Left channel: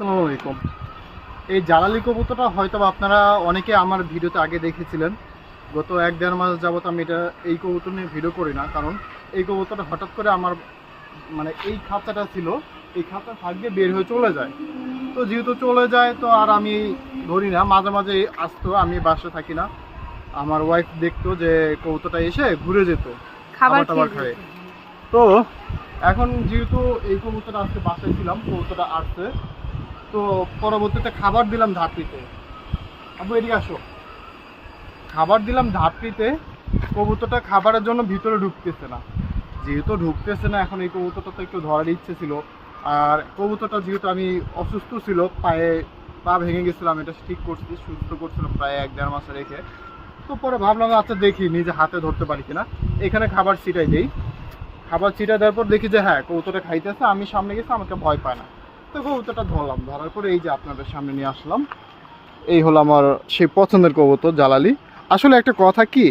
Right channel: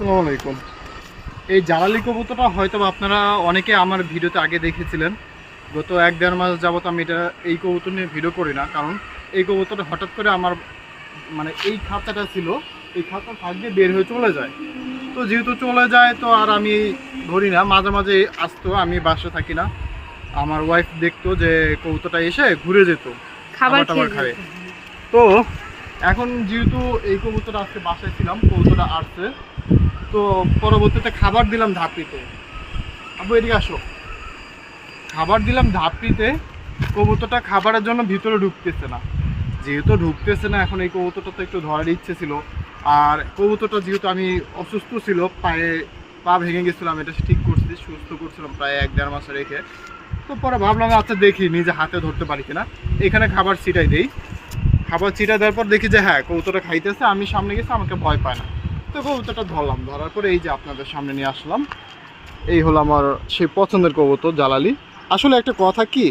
আসসালামু আলাইকুম। এই জালালি কবুতরটা হয়তো আপনারা অনেকে আমার ভিডিওতে আগে দেখেছিলেন। গত এক দেড় মাস যাবত আমি এটা এই কবুতর নিয়ে ভিডিও করি না কারণ এই কবুতরটা হঠাৎ করে আমার মানে এই খাঁচাটা ছিল এই খাঁচা থাকবে বের হয়ে চলে যায়। তো যেহেতু চলে যায় তো আর আমি ধরি না মাঝে মাঝে আসতো আমি বাসা থাকি না। আমার ওয়াইফ দেখতো যে কবুতরটা এসে ঘুরে যেত খাবার টাবার খাবে। তো এখন যেহেতু এই কবুতরটা আজকে বাসায় ছিলাম কবুতরটা আসছে তো পরবর্তীতে খাবার দিলাম ধাপড়িতে আবু এদিকে আসো। খাবার দিলাম ধাপড়িতে কবুতরটা খাবারের জন্য ভিতরে ঢুকতেছে না। যেহেতু ঢুকতেছে না, এখন এই কবুতরটা তো একটু ধরার ইচ্ছে ছিল। আর কবুতরটা যেহেতু আমি অসুস্থ ছিল, পায়ে পা ভেঙে গেছিলাম, এটা ঠিক করছি, সুস্থ করছিলাম প্রায় এক দেড় মাসে রেখে। তো পরে ভাবলাম আচ্ছা দেখি, নিজে হাতে ধরতে পারি কিনা। এখানে খাবার ছিটাই দেই। খাবার ছিটা দেওয়ার পর দেখি যে হ্যাঁ কবুতরটা খাইতেছে, আমি সামনে গেছি, আমাকে ভয় পায় না। তো কবুতরটা ধরলাম, ধরার পরে এই যে আপনাদের সামনে নিয়ে আসলাম। এই হলো আমার সেই পছন্দের কবুতর, জালালি। আসলে একটা কথা কি,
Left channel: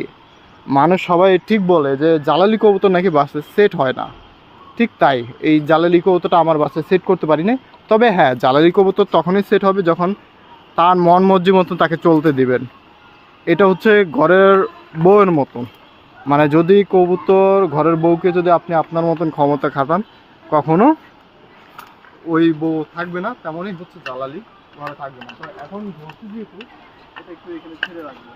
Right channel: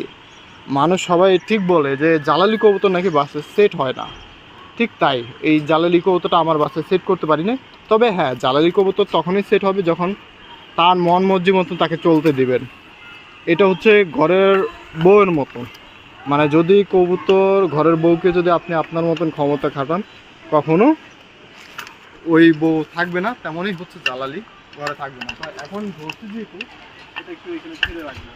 মানুষ সবাই ঠিক বলে যে জালালি কবুতর নাকি বাসে সেট হয় না। ঠিক তাই, এই জালালি কবুতরটা আমার বাসে সেট করতে পারি না তবে হ্যাঁ জালালি কবুতর তখনই সেট হবে যখন তার মন মর্জি মতন তাকে চলতে দিবেন। এটা হচ্ছে ঘরের বউয়ের মতন। মানে যদি কবুতর ঘরের বউকে যদি আপনি আপনার মতন ক্ষমতা খাটান, কখনো ওই বউ থাকবে না তেমনই হচ্ছে জ্বালালি ঘরে থাকবে না। তো এখন ধরছি যেহেতু এটা একটু এখানে ছেড়ে রাখবে।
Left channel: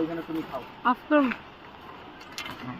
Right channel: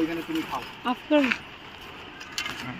ওইখানে তুমি খাও। আফটার হ্যাঁ।